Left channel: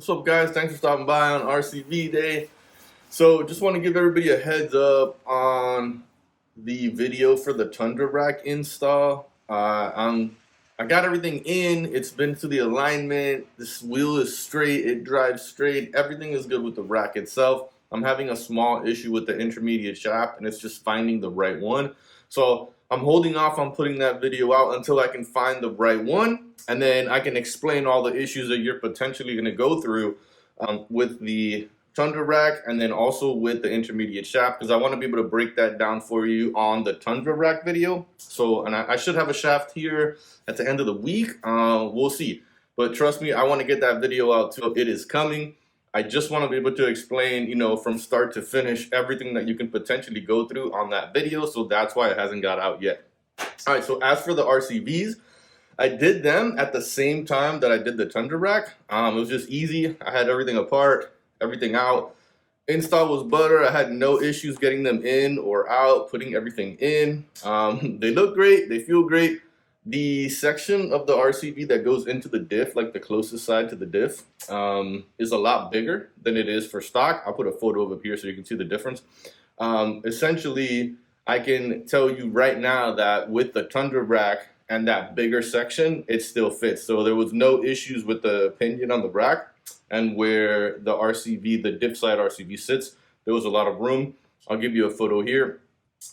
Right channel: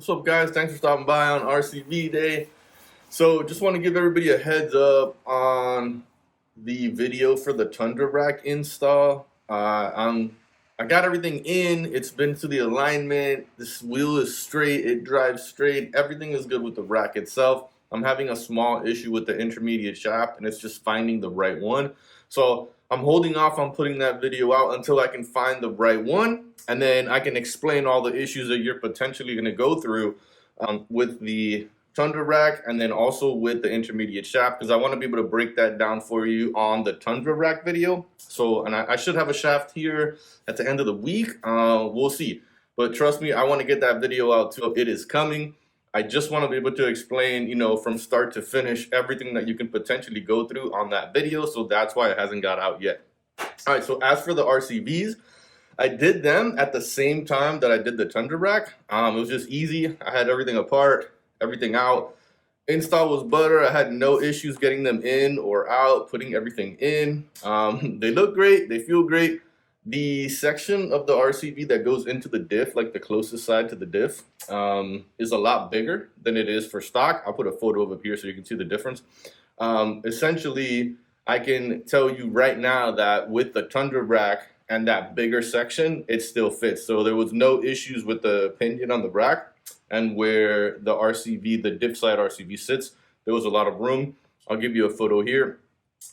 What's up, guys? Thanks for stopping by on RCV Day. So just want to give everybody a heads up on the video for the Tundra rack install. I got everything in. It's been to the alignment. This wheel is straight. It drives straight. Everything is good with the rack itself. I'm having a small issue with the intermediate shaft, and it's just finding the right one. So I'm holding off on putting that video out until I can find the right one, and then I can explain all the issues that you're potentially going to go through with the Tundra rack, and then also with the intermediate shaft, because I want to be able to break that down for you on the Tundra rack video. So, and I should have a shaft here at the end of the week. We'll see. But trust me, I want to get that video out too. It is coming. I just want to be able to explain, from start to finish, everything that you can potentially go through on that video. So that's why it hasn't got out yet. All right, so as for the RCVs, I did them at the same time that I did the Tundra rack. It was just easy. I had everything apart, everything out. Install was butter. I had no issues getting them in or out, putting everything in. They look great. They feel great. The section of the RCV that goes into the diff, like the closest side to the diff, is a lot bigger than it is for stock. I'll put a photo of it here so you can see the difference. Essentially, I can tell you right now that with the Tundra rack and that bigger section, it still fits. So there was no issues with the pinion on the rack, and where the RCV, the diff side RCV sits, there was a lot of room. I'll give you a photo here.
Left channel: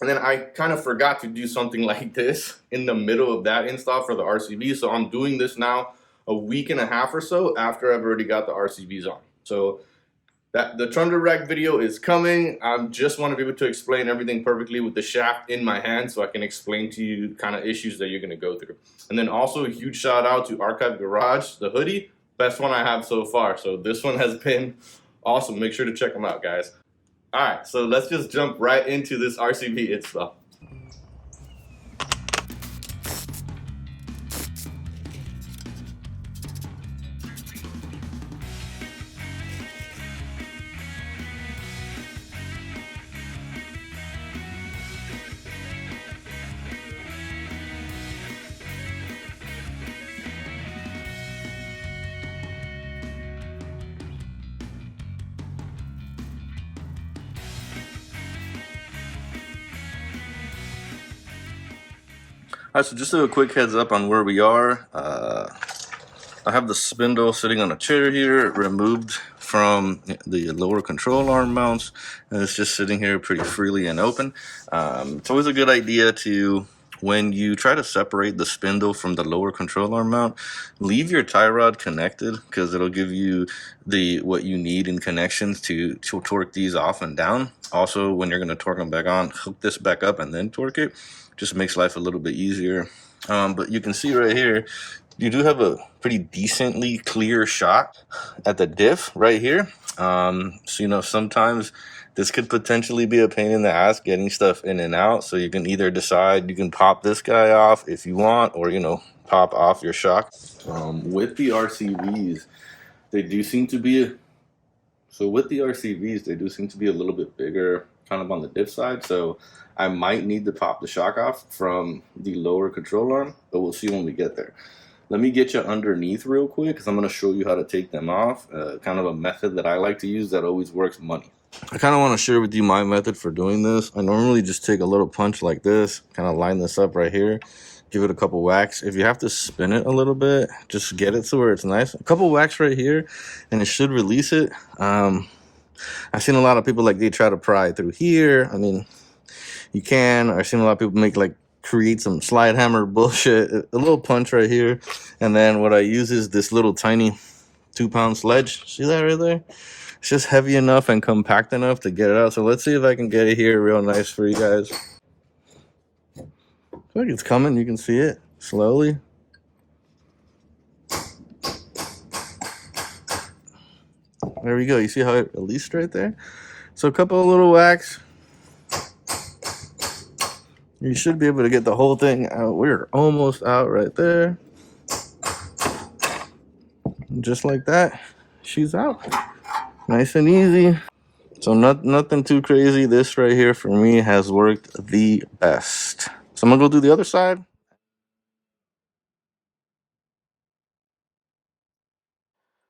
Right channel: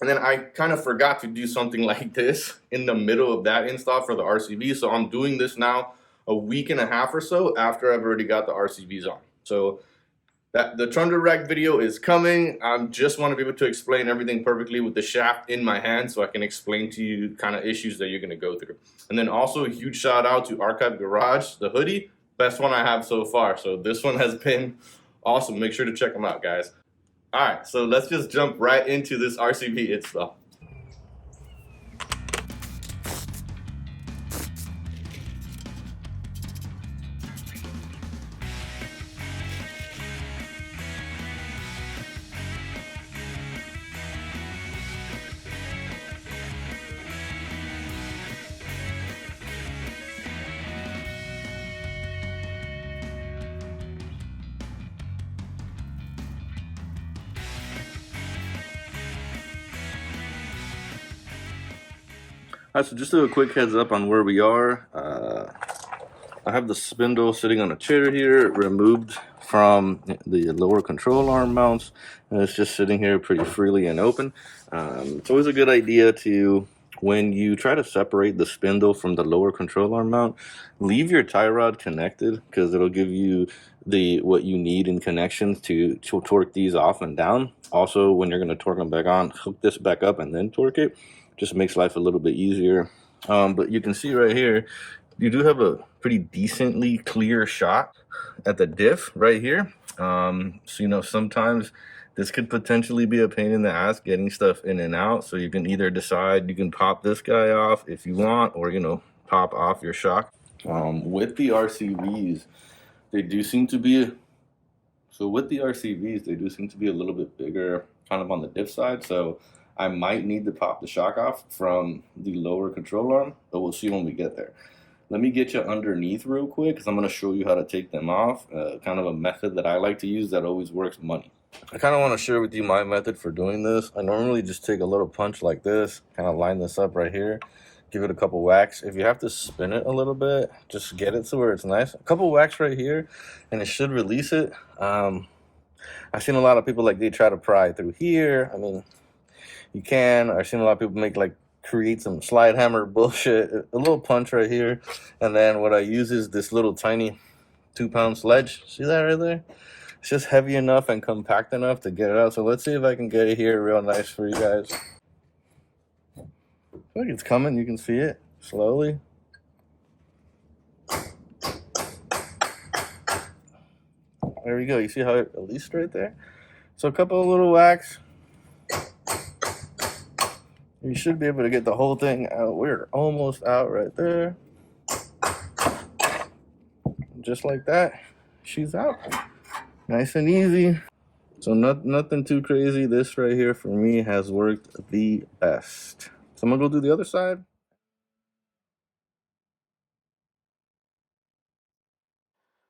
And then I kind of forgot to do something like this in the middle of that install for the RCV. So I'm doing this now a week and a half or so after I've already got the RCVs on. So that the Tundra rack video is coming. I just want to be able to explain everything perfectly with the shaft in my hand so I can explain to you kind of issues that you're going to go through. And then also a huge shout out to Archive Garage, the hoodie. Best one I have so far. So this one has been awesome. Make sure to check them out, guys. All right, so let's just jump right into this RCV install. All right, so just a quick heads up on where we are. I have the spindle sitting on a chair here, removed from the lower control arm mounts, and it's just sitting here pretty freely and open. It's always a good idea to, when you try to separate the spindle from the lower control arm mount, leave your tie rod connected, because it'll give you what you need in connections to torque these off and down. Also, when you're going to torque them back on, hook this back up and then torque it. Just makes life a little bit easier. But you can see right here, you do have a pretty decently clear shot at the diff right here. So, sometimes this could potentially be a pain in the ass getting stuff in and out. So you can either decide you can pop this guy off if you want, or, pop off your shock. With the RCVs, they do seem to be, a little bit bigger kind of on the diff side. So I might need to pop the shock off from the lower control arm, but we'll see when we get there. Let me get you underneath real quick, because I'm going to show you how to take them off. Kind of a method that I like to use that always works money. I kind of want to share with you my method for doing this. I normally just take a little punch like this, kind of line this up right here, give it a couple whacks. If you have to spin it a little bit, just get it to where it's nice. A couple whacks right here, and it should release it. I've seen a lot of people, they try to pry through here. I mean, you can. I've seen a lot of people create some slide hammer bullshit. A little punch right here, and then what I use is this little tiny 2-pound sledge. See that right there? It's just heavy enough and compact enough to get it out. So let's see if I can get it here real nice for you guys. I feel like it's coming. You can see it slowly. There we go. You see how it released right there? So a couple of little whacks. You should be able to get the whole thing out. We're almost out right there. Just like that, she's out. Nice and easy. So nothing too crazy. This right here for me has worked the best. So I'm gonna go do the other side.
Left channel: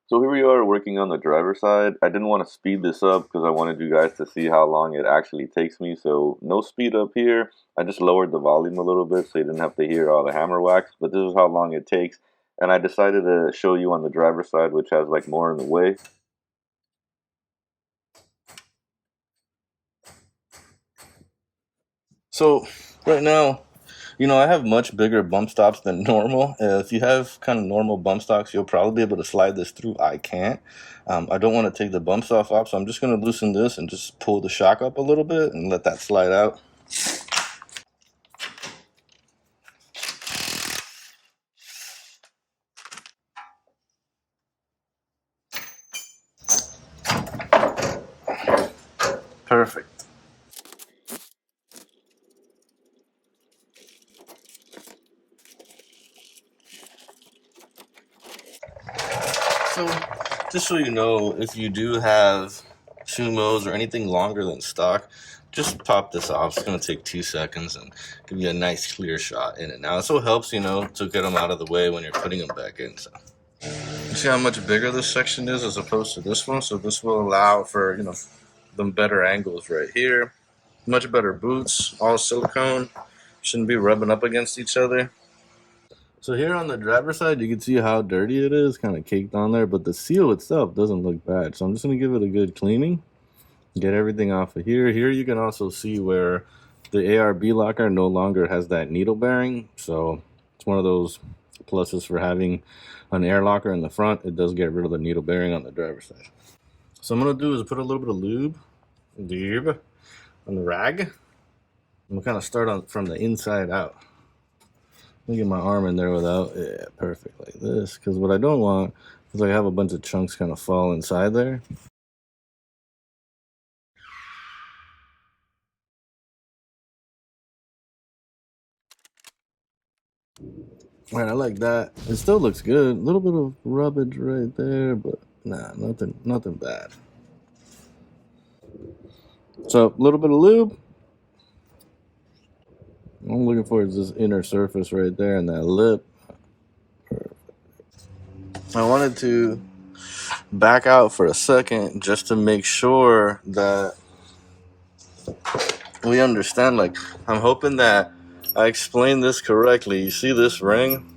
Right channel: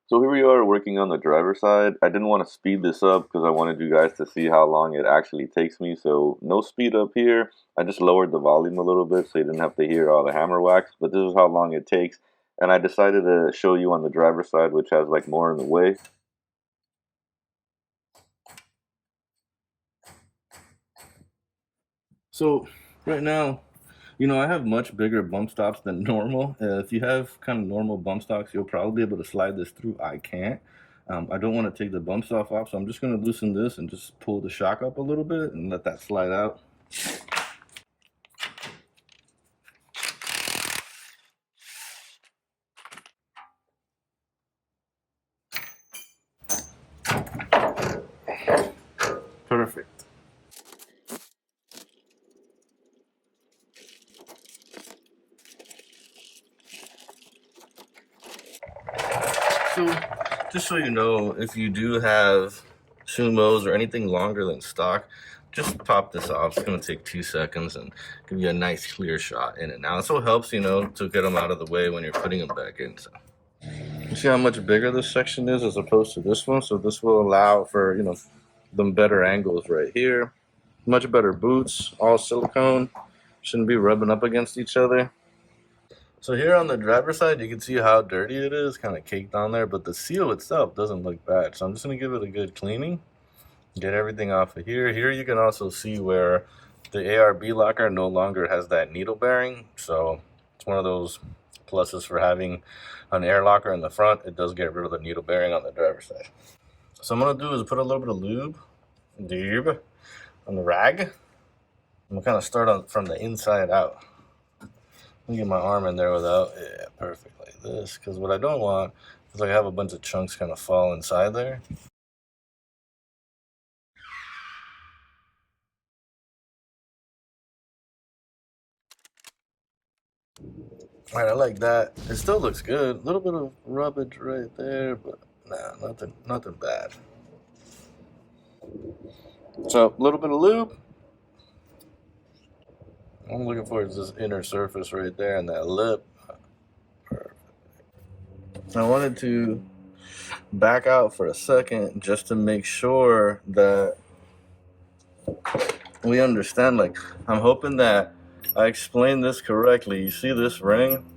So here we are working on the driver's side. I didn't want to speed this up because I wanted you guys to see how long it actually takes me. So no speed up here. I just lowered the volume a little bit so you didn't have to hear all the hammer wax. But this is how long it takes. And I decided to show you on the driver's side, which has like more in the way. So right now, I have much bigger bump stops than normal. If you have kind of normal bump stops, you'll probably be able to slide this through. I can't. I don't want to take the bump stop off, so I'm just going to loosen this and just pull the shock up a little bit and let that slide out. Perfect. So, just so you know, if you do have sumos or anything longer than stock, just pop this off. It's going to take 2 seconds and give you a nice clear shot in it. Now, it also helps, to get them out of the way when you're putting them back in. So, you see how much bigger this section is as opposed to this one? So this will allow for, them better angles right here. Much better boots, all silicone. Shouldn't be rubbing up against each other. So here on the driver's side, you can see how dirty it is, kind of caked on there, but the seal itself doesn't look bad. So I'm just going to give it a good cleaning, get everything off of here. Here you can also see where the ARB locker no longer has that needle bearing. So it's one of those pluses for having an air locker in the front. It does get rid of the needle bearing on the driver's side. So I'm going to do is put a little bit of lube on the rag. I'm going to kind of start from the inside out. Let me get my arm in there without, yeah, perfect, like this. Because what I don't want is I have a bunch of chunks kind of fall inside there. All right, I like that. It still looks good. A little bit of rubbage right there, but nah, nothing bad. So a little bit of lube. All I'm looking for is this inner surface right there and that lip. Perfect. I wanted to back out for a second just to make sure that we understand. Like, I'm hoping that I explained this correctly. You see this ring?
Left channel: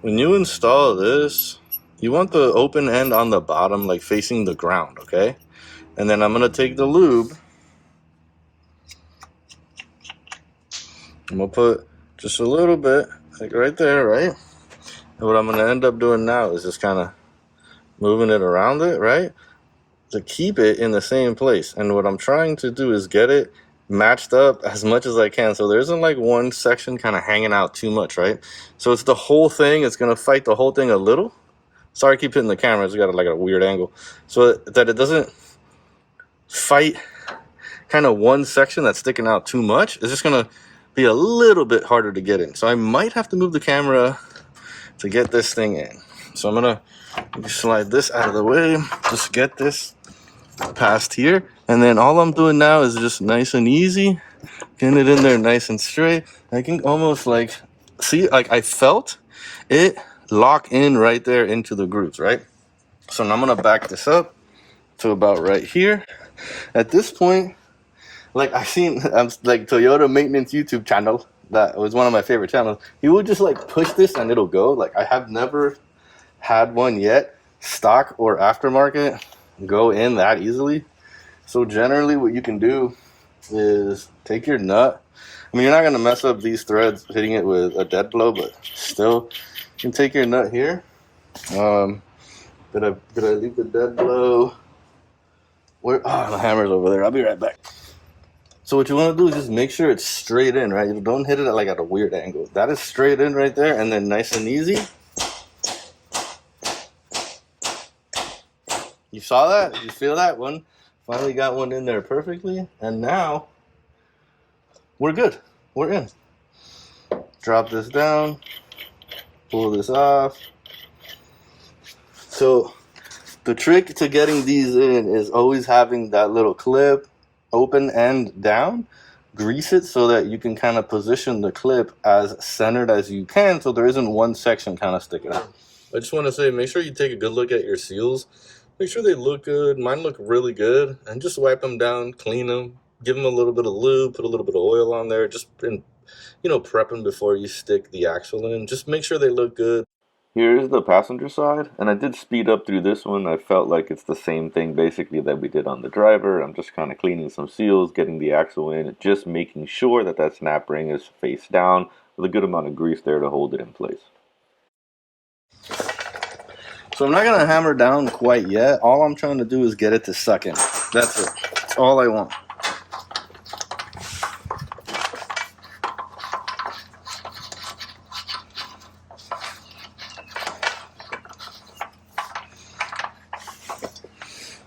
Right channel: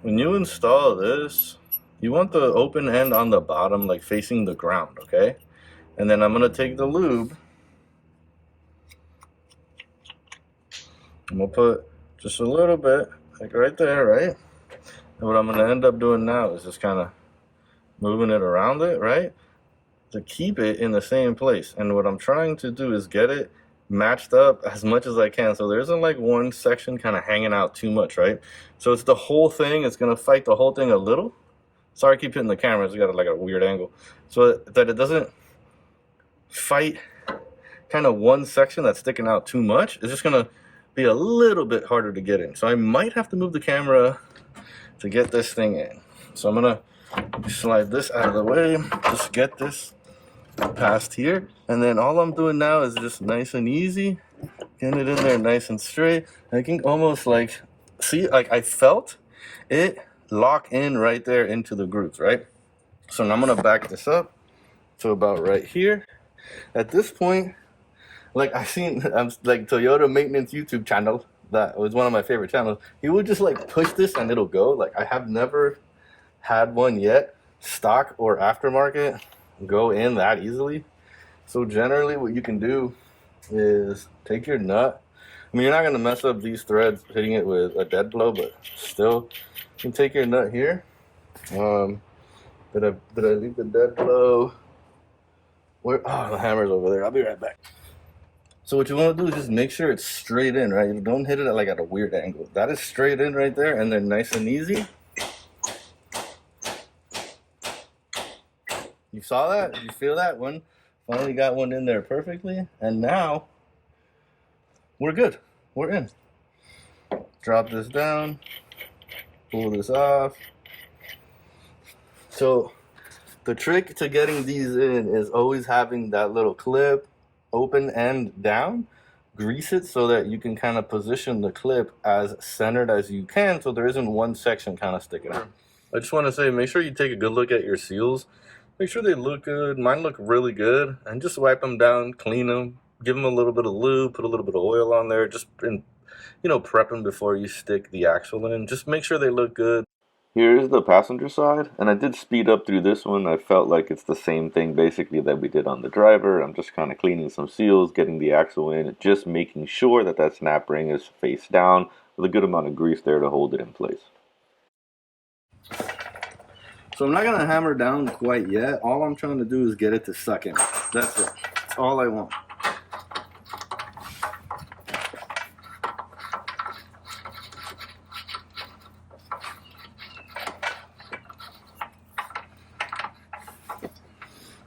When you install this, you want the open end on the bottom, like facing the ground, okay? And then I'm gonna take the lube. I'm gonna put just a little bit, like right there, right? And what I'm gonna end up doing now is just kind of moving it around it, right? To keep it in the same place. And what I'm trying to do is get it matched up as much as I can. So there isn't like one section kind of hanging out too much, right? So it's the whole thing. It's gonna fight the whole thing a little. Sorry, I keep hitting the camera. It's got like a weird angle. So that it doesn't fight kind of one section that's sticking out too much. It's just gonna be a little bit harder to get in. So I might have to move the camera to get this thing in. So I'm gonna slide this out of the way, just get this past here. And then all I'm doing now is just nice and easy, getting it in there nice and straight. I can almost like, see, like I felt it lock in right there into the grooves, right? So now I'm gonna back this up to about right here. At this point, like I'm like Toyota maintenance YouTube channel. That was one of my favorite channels. He will just like push this and it'll go. Like I have never had one yet, stock or aftermarket, go in that easily. So generally what you can do is take your nut. I mean, you're not gonna mess up these threads hitting it with a dead blow, but still, you can take your nut here. Did I leave the dead blow? Where? Oh, the hammer's over there. I'll be right back. So what you want to do is just make sure it's straight in, right? You don't hit it at a weird angle. That is straight in right there, and then nice and easy. You saw that? You feel that one? Finally got one in there perfectly, and now we're good. We're in. Drop this down, pull this off. So the trick to getting these in is always having that little clip open end down. Grease it so that you can kind of position the clip as centered as you can so there isn't one section kind of sticking out. I just want to say, make sure you take a good look at your seals. Make sure they look good. Mine look really good. And just wipe them down, clean them, give them a little bit of lube, put a little bit of oil on there. Just, prep them before you stick the axle in. Just make sure they look good. Here's the passenger side, and I did speed up through this one. I felt like it's the same thing basically that we did on the driver. I'm just kind of cleaning some seals, getting the axle in, just making sure that that snap ring is face down with a good amount of grease there to hold it in place. So I'm not going to hammer down quite yet. All I'm trying to do is get it to suck in. That's it. That's all I want.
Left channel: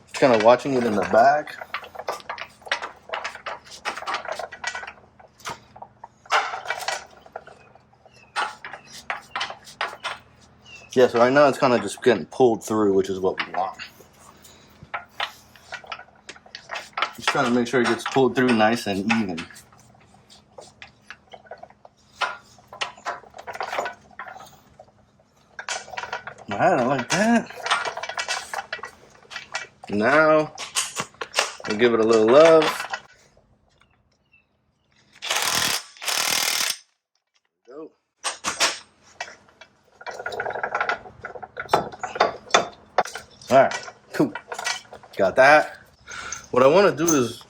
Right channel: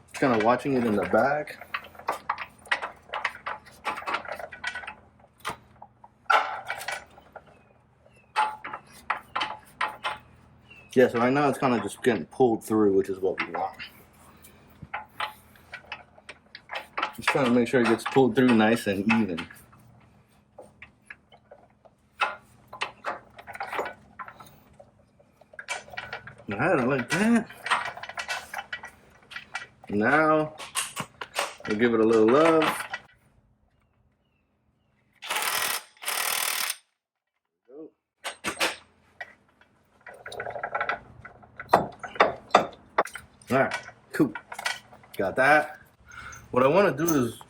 Just kind of watching it in the back. Yeah, so right now it's kind of just getting pulled through, which is what we want. Just trying to make sure it gets pulled through nice and even. Alright, I like that. Now, we'll give it a little love. Go. Alright, cool. Got that. What I want to do is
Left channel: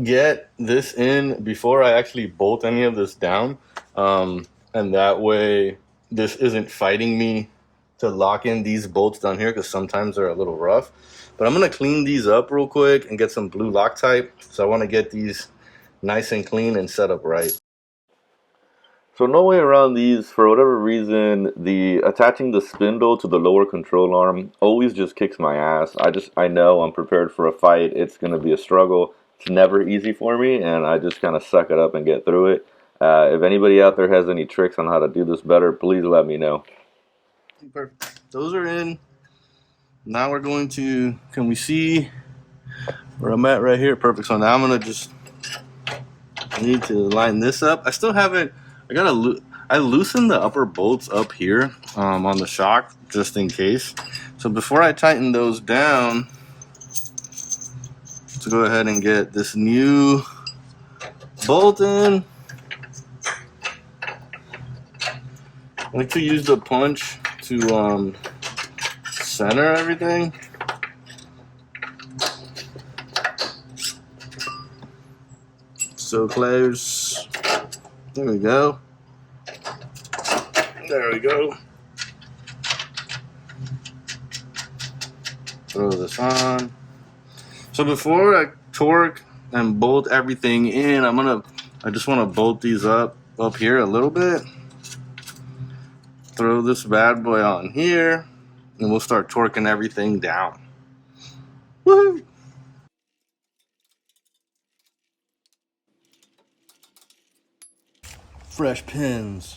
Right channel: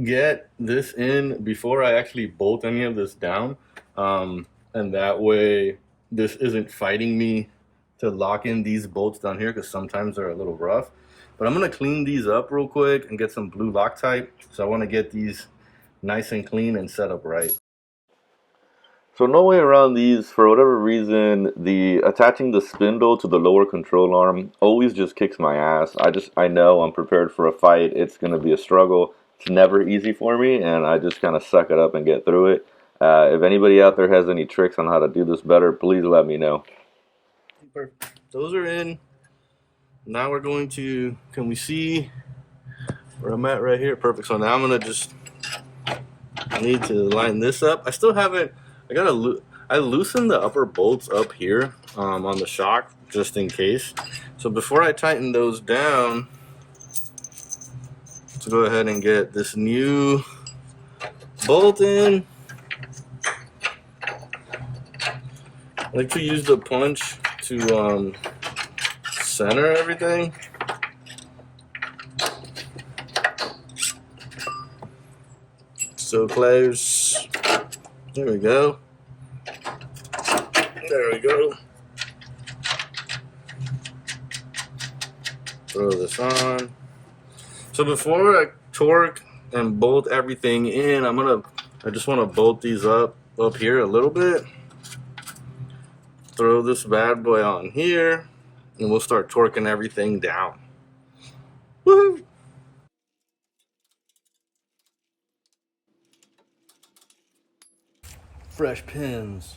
get this in before I actually bolt any of this down. And that way this isn't fighting me to lock in these bolts down here, because sometimes they're a little rough. But I'm going to clean these up real quick and get some blue Loctite. So I want to get these nice and clean and set up right. So no way around these. For whatever reason, the attaching the spindle to the lower control arm always just kicks my ass. I know I'm prepared for a fight. It's going to be a struggle. It's never easy for me, and I just kind of suck it up and get through it. If anybody out there has any tricks on how to do this better, please let me know. Perfect. Those are in. Now we're going to, can we see where I'm at right here? Perfect. So now I'm going to just, I need to line this up. I still haven't, I loosened the upper bolts up here on the shock just in case. So before I tighten those down, to go ahead and get this new bolt in. I like to use the punch to center everything. So close. There we go. There we go. Throw this on. So before I torque and bolt everything in, I just want to bolt these up here a little bit. Throw this bad boy on here, and we'll start torquing everything down. Woohoo! Fresh pins.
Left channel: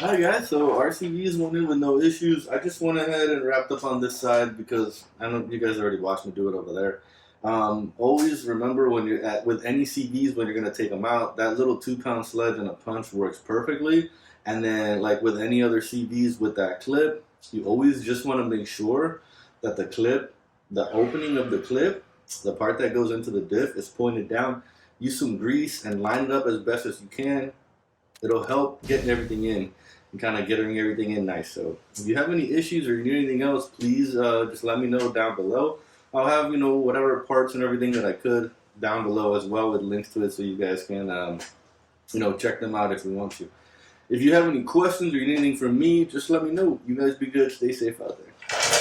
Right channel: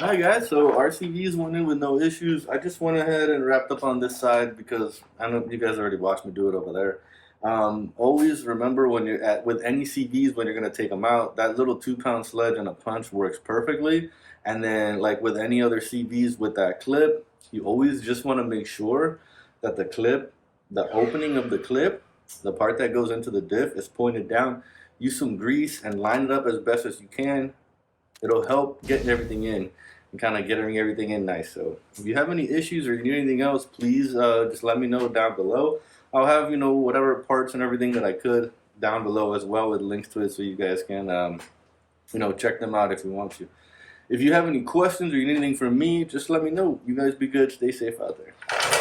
Alright guys, so RCVs went in with no issues. I just went ahead and wrapped up on this side because I know you guys already watched me do it over there. Always remember when you're with any CVs, when you're going to take them out, that little 2-pound sledge and a punch works perfectly. And then like with any other CVs with that clip, you always just want to make sure that the clip, the opening of the clip, the part that goes into the diff is pointed down. Use some grease and line it up as best as you can. It'll help getting everything in and kind of getting everything in nice. So if you have any issues or you need anything else, please just let me know down below. I'll have, whatever parts and everything that I could down below as well with links to it, so you guys can, check them out if you want to. If you have any questions or you need anything from me, just let me know. You guys be good. Stay safe out there.